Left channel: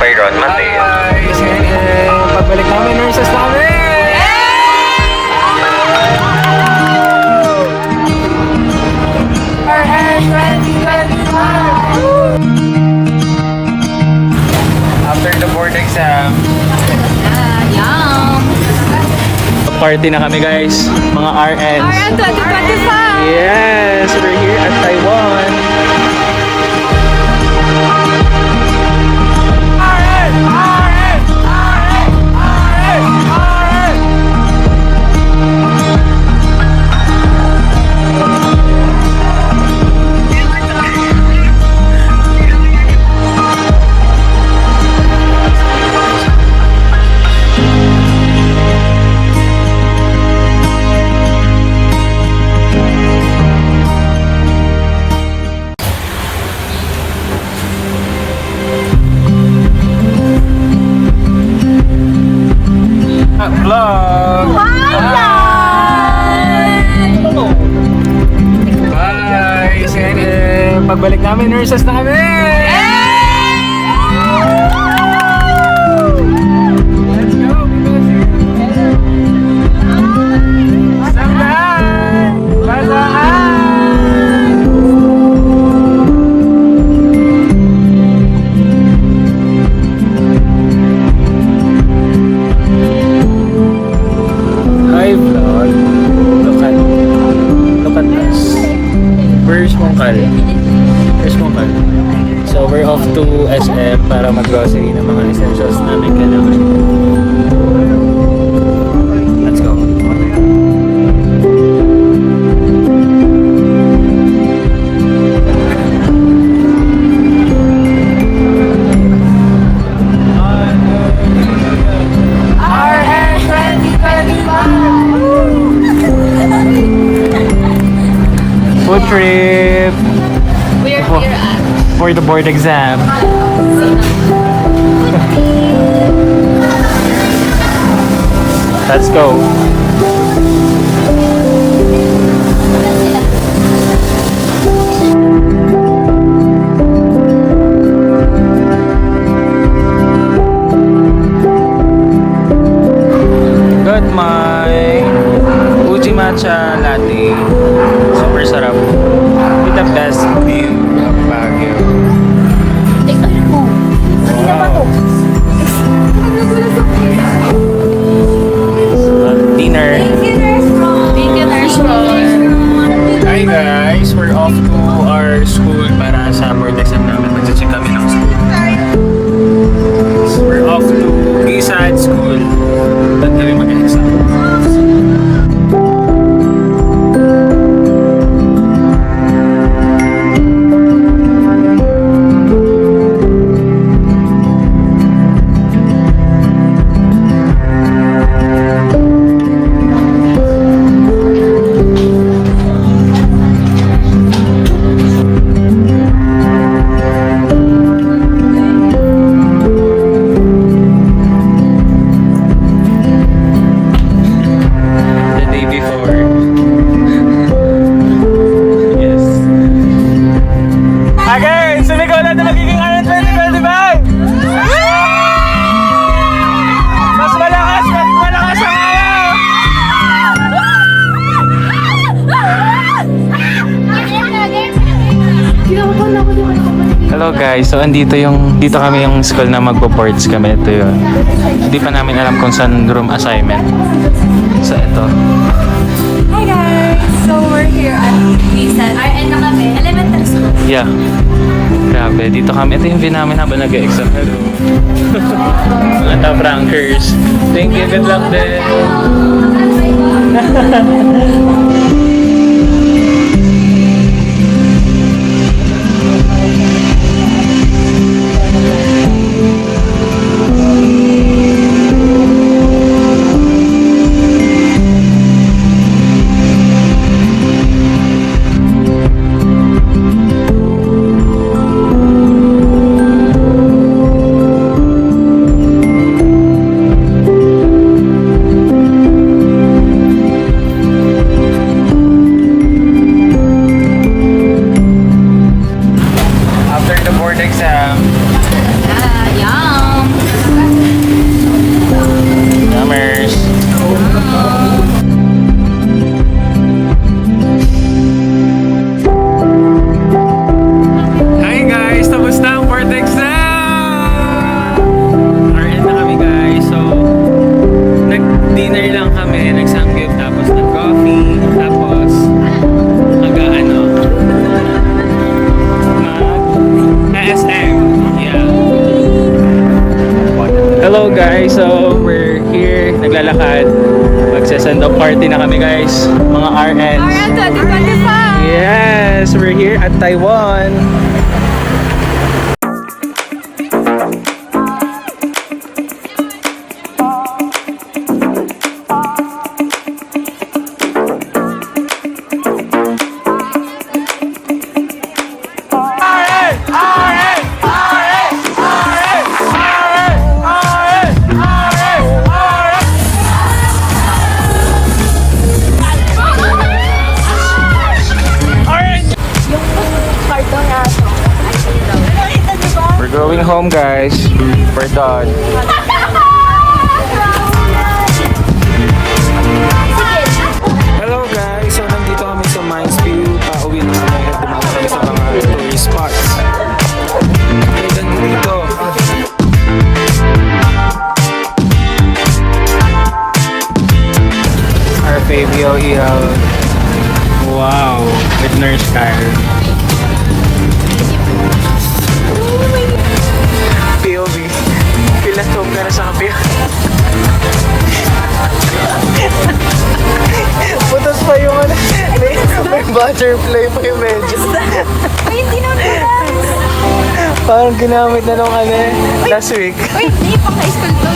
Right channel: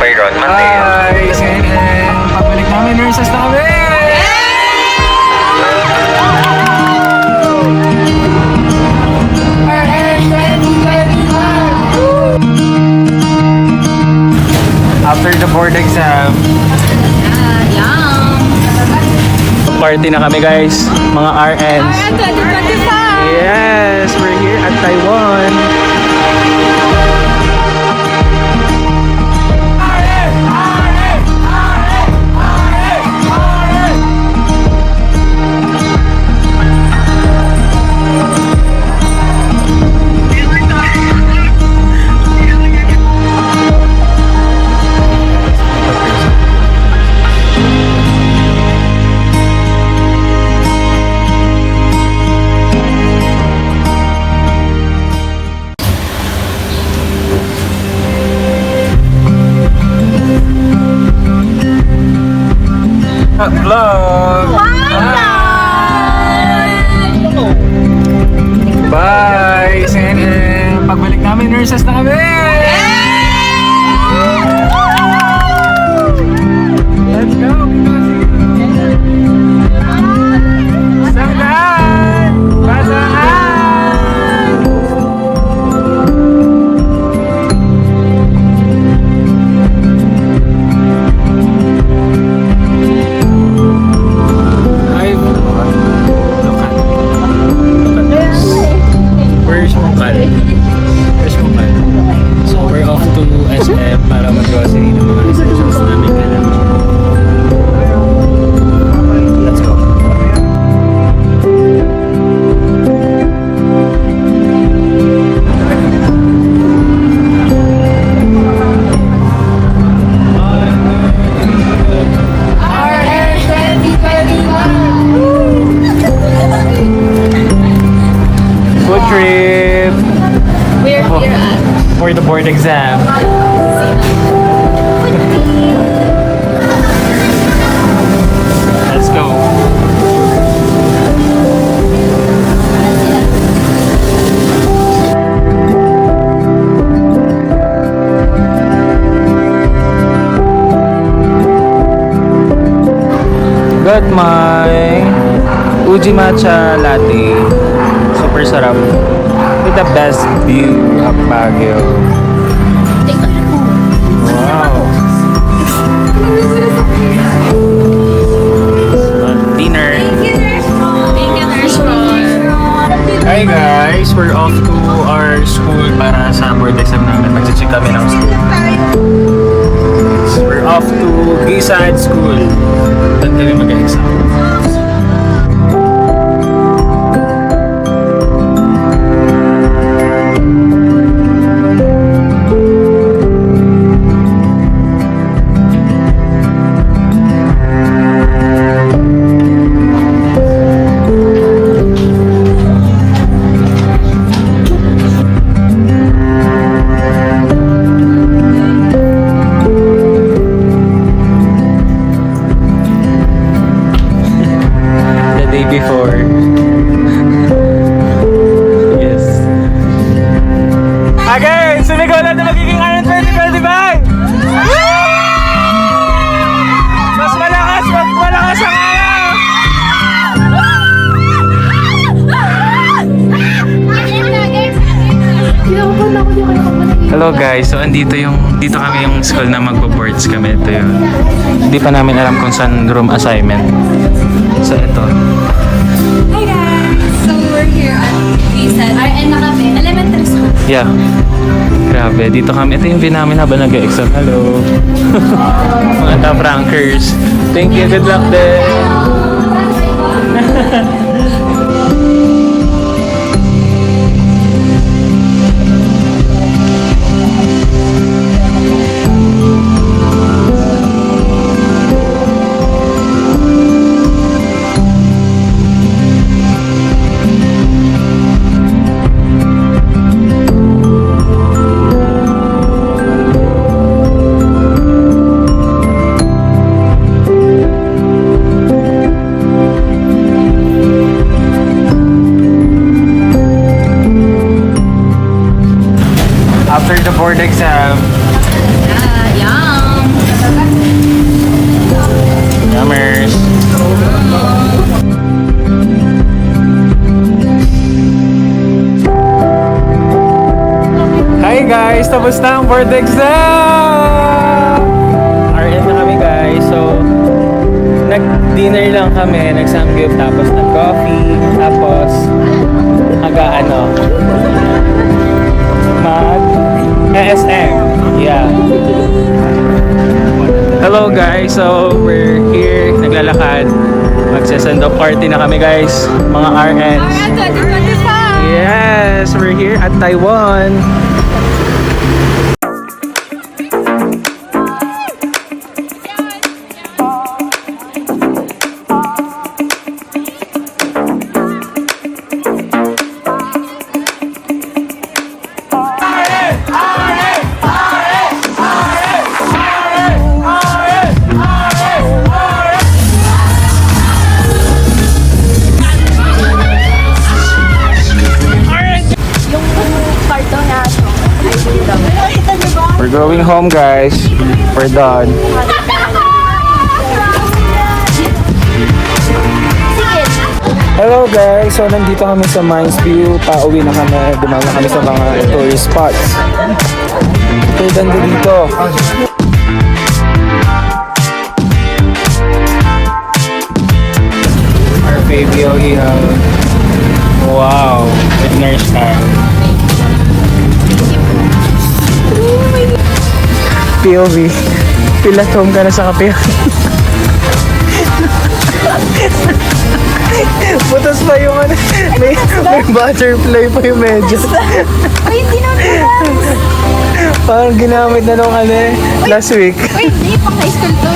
Byron Mateo. Pabalik namin nurses namin! After the board exam, party na kami guys, mga RNs. Yes, we're here at Taiwan. Vlog! Bye! Sen! Pagbalik namin, nurses namin! Let's go! Sanggan! Bataan! Hi vlog. Look at us. Where's Mongkal? Where's Mongkal? So we're off to SM para mag-grocery ng mga essentials namin kailangan. Let's go. Food trip We're here at for the board exam. Let's go. Got my Uji Matcha Latte. Super sarap. With the best view of Baguio. Wow. Dinner. Hi guys, we're off to our school para sa board exam namin. Mag-check kami ng school. We're off to Gisad School. Doon kami mag-exam. Again, sumigaw na magiging ano 2025! Mas malakas ang ano! Hello guys, so dito kami yung school na magbo-boards kami. Ito yun. Hindi pa namin alam kung saan room assignment. So ito. Hi guys! So we're here at Gisad. RN na kami. Elementary school. Yeah. Grabe, dito kami. Ito yung view namin habang nag-exam. Hello. Mga top-rankers. Thank you, good luck din. After the board exam, Yum! Ka-Farmers! Hi guys! Tapos na ang board exam! RN na kami guys. So, nag-dinner lang kami, nag-samgyup, tapos nag-coffee, tapos mag-SM. Yeah. Hello guys, so we're here, naglalakad. Magsa-send off party na kami guys, mga RNs. Yes, we're here at Taiwan. We're going home guys. We're done. Hello guys. So nandito kami sa Mines View. Pauwi na kami. Dumama kami sa mga tourist spots. Okay, ganda dito. Arcadio Hill. Wow. With Nurse Kyle. POV. Feel at home ka na sa kape. Butas pa yung ano. May butterfly pa yung medyas. Ay, hindi naman. Parang ginamit na nung ano eh. Last week. Uy, hindi. Pang high school to.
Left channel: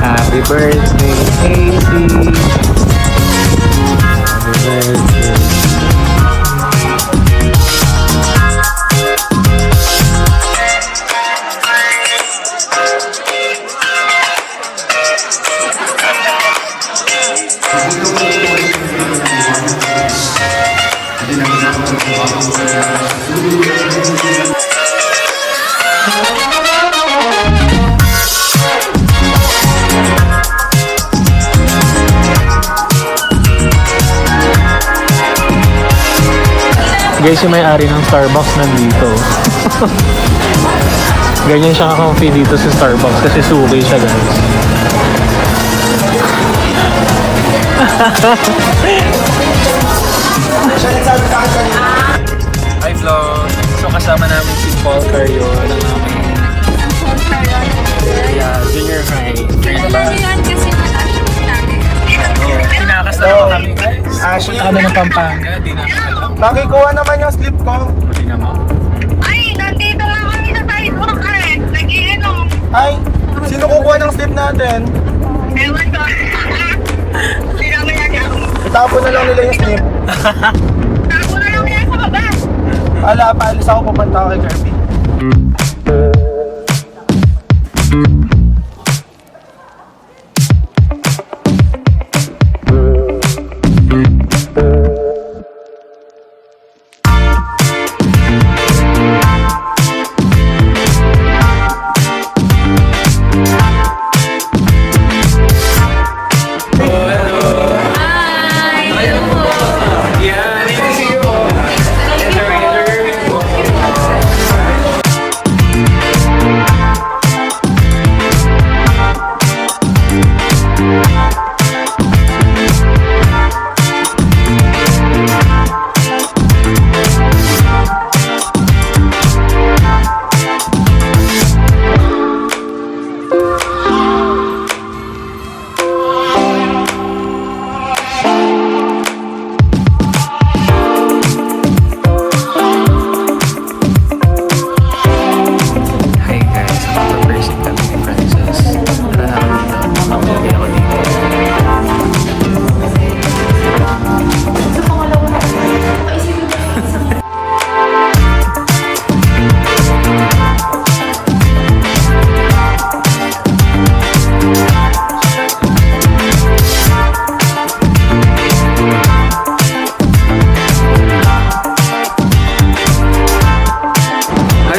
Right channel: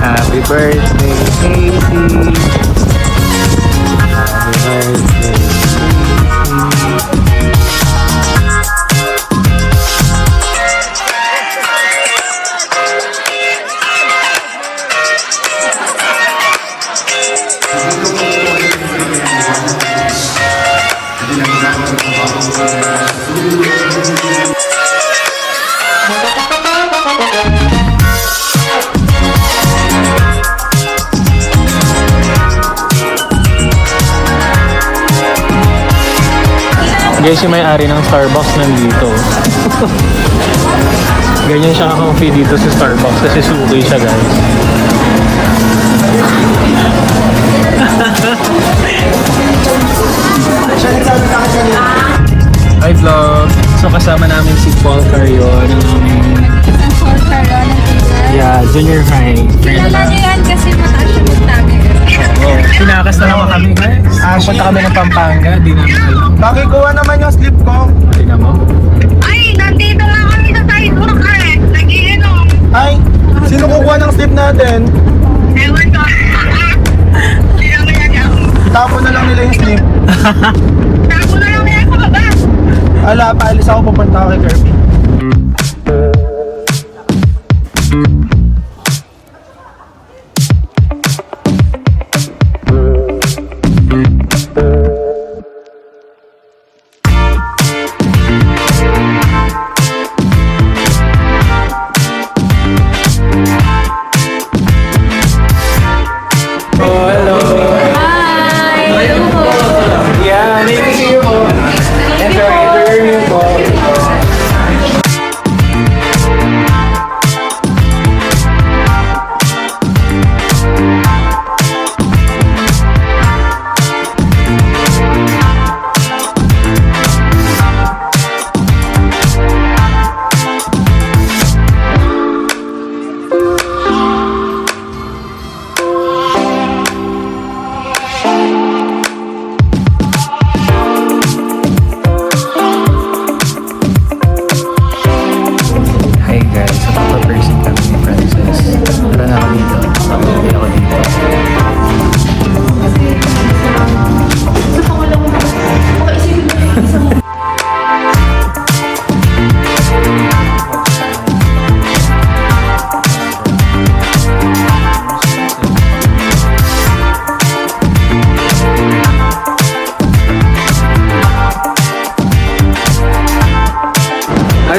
Happy birthday, Casey. Happy birthday, Guys, yung may-ari ng Starbucks nandito. Ganyan siya ka-comfy dito sa Starbucks kasi suki siya guys. Hi vlog! So kasama namin si Paul Carion ng aming junior high. Ano lang yan kasi mataas yung sabi. Sinakas na naman kami guys. Pupunta kami ng Pampanga, di namin alam. Makikuha naman yung slip ko. Tingnan mo. Ay, nandito lang kami sa sidewalk eh. Nag-iinom. Ay, sino kukuha ng slip natin? Ewan ko. Hindi naman yan. Tapon na lang nila yung slip. Tapo na lang yan sa baba. Ala, paalis ako pupunta kay Kirby.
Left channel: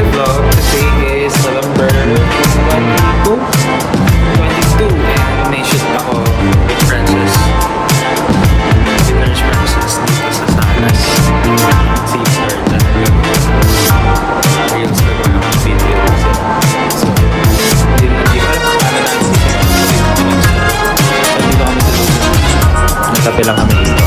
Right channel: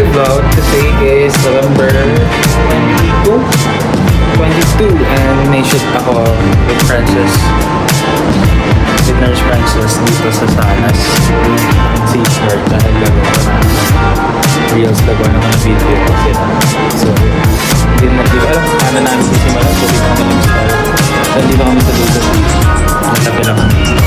my vlog. Today is November 22 and may shoot ako with Francis. With Nurse Francis dito sa Salas. Si Skirt na naglagawa na reels, gagawa naman ng video kasi. So, yun. Hindi ko alam paano namin sisimulan. So, dito kami nag-start. So, dito kami sa lugar. Nagkape lang kami dito.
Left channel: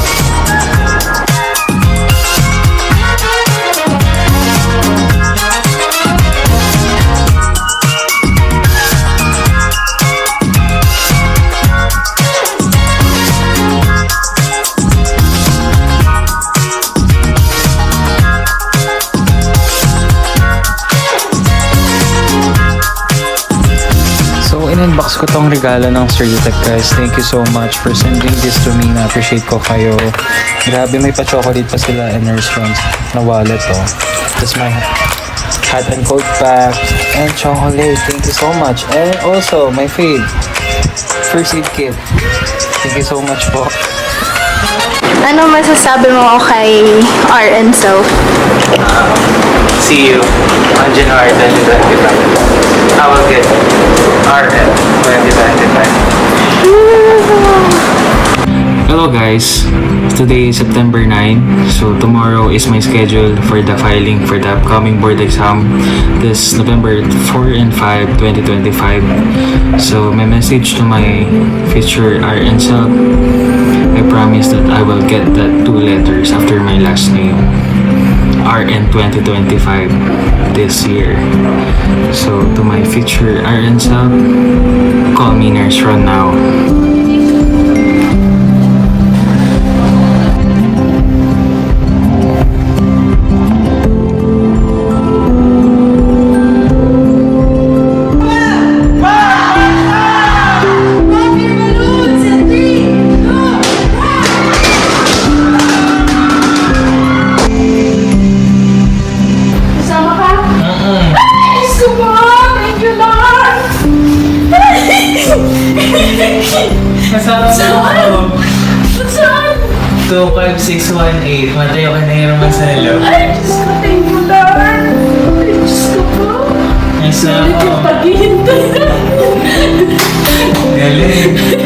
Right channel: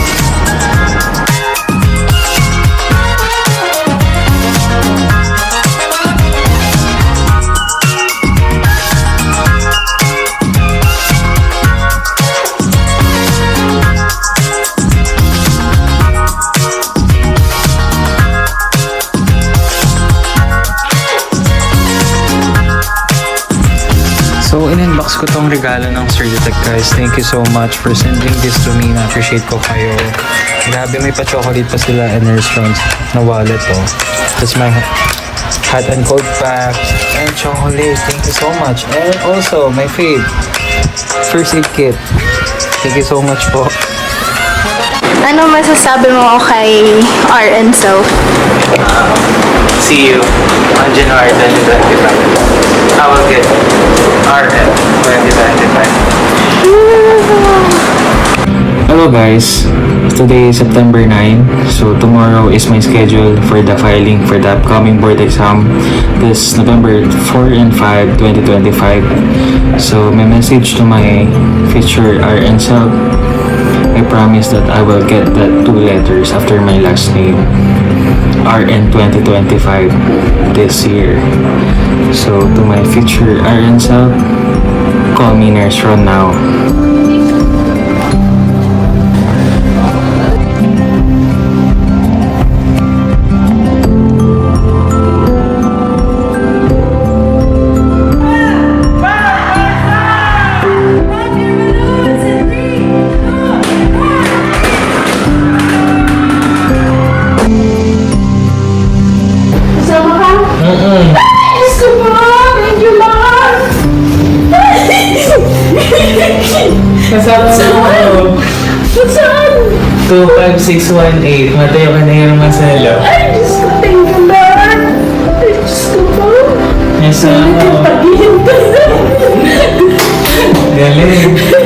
So, in-inbox ko tong regalo ng Surgitech, guys. Thank you so much for sending this to me. Na-appreciate ko kayo. Grabe, may pa-chocolate pa sila and Nurse Franz na wallet, oh. Tapos may hot and cold packs and chocolate. Thank you so much. And also, my fave, first aid kit. Thank you so much po. Ano masasabi mo kay RN Self? See you on January 2025. I will get RN 2025. Hello guys, today is September 9, so tomorrow is my schedule for the filing for the upcoming board exam this November 4 and 5, 2025. So my message to my future RN self, I promise that I will get that 2 letters after my last name, RN 2025 this year. So to my future RN self, call me Nurse Ron now. Kasama mo. Saan? 25618. Matayo ka na yung Marcelo. Ay, Diyos ko, thank you, Lord. Ay, Diyos ko po. Kasama mo. Paghihintay na. Galing.